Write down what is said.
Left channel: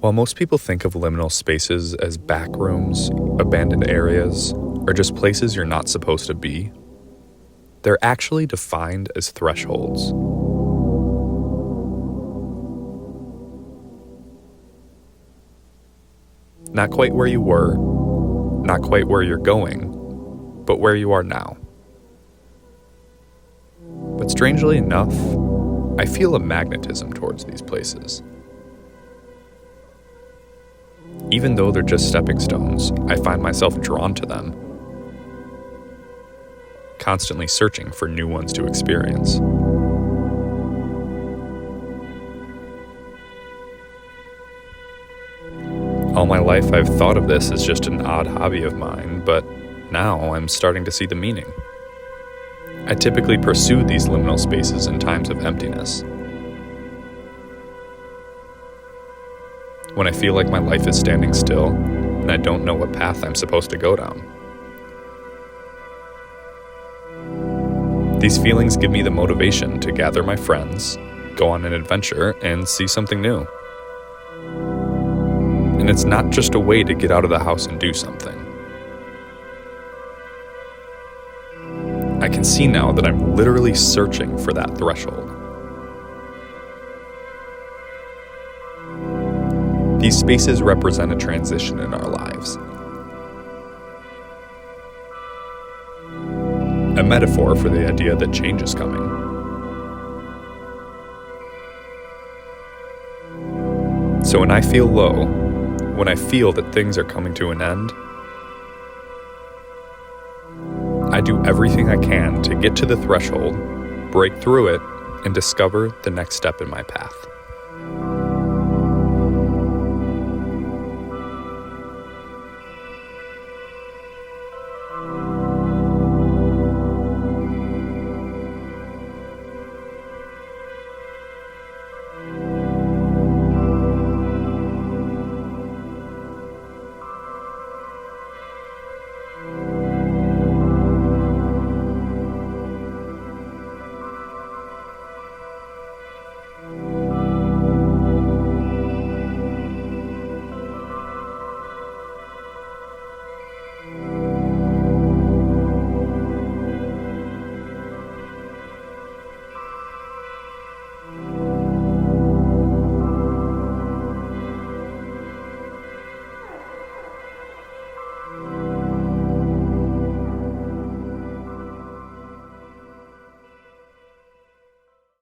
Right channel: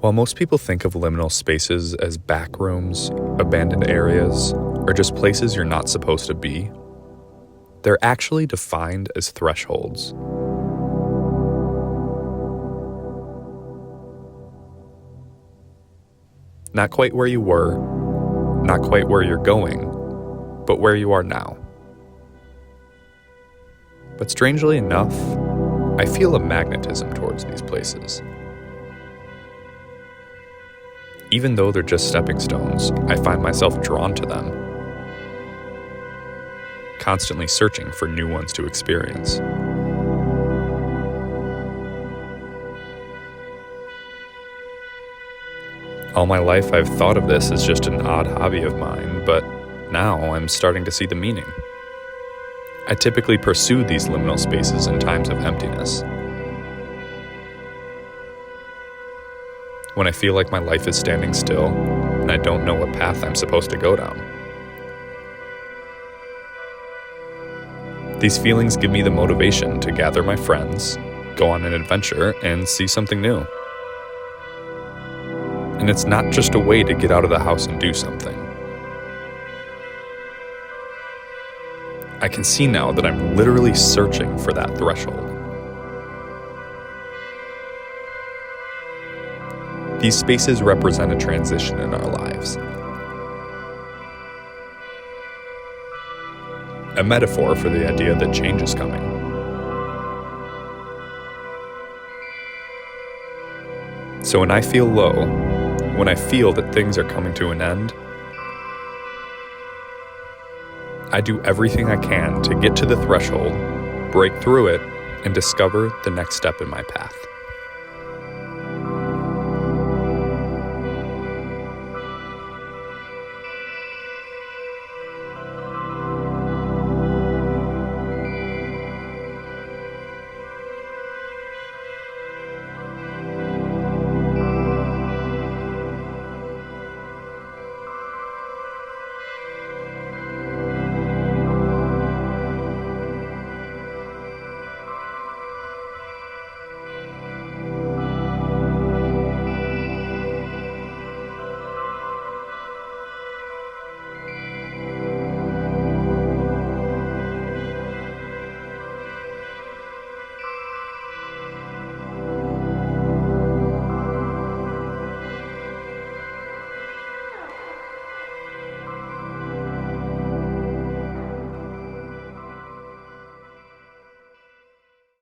While most people think of liminal spaces as back rooms, abandoned areas, or just places you're not supposed to be, they're actually defined as thresholds. Not quite where you were, not quite where you're going, but where you are now. But strangely enough, I feel a magnetism towards these places. Even though they're just stepping stones, I find myself drawn to them, constantly searching for new ones to experience. All my life I've thought of this as just an odd hobby of mine, but now I'm starting to see the meaning. I typically pursue these liminal spaces in times of emptiness. When I feel like my life is standing still and I don't know what path I'm supposed to go down. These feelings give me the motivation to gather my friends, go on an adventure, and see something new. And it's not just a way to get out of the house and do something. I can see now that I'm literally searching for that threshold. These spaces represent a transition in our lives. A metaphor for the idea that change is coming. So when I feel low, when I feel that things are coming to an end, I do everything I can to get to the threshold, break through it, and discover the next step in my path.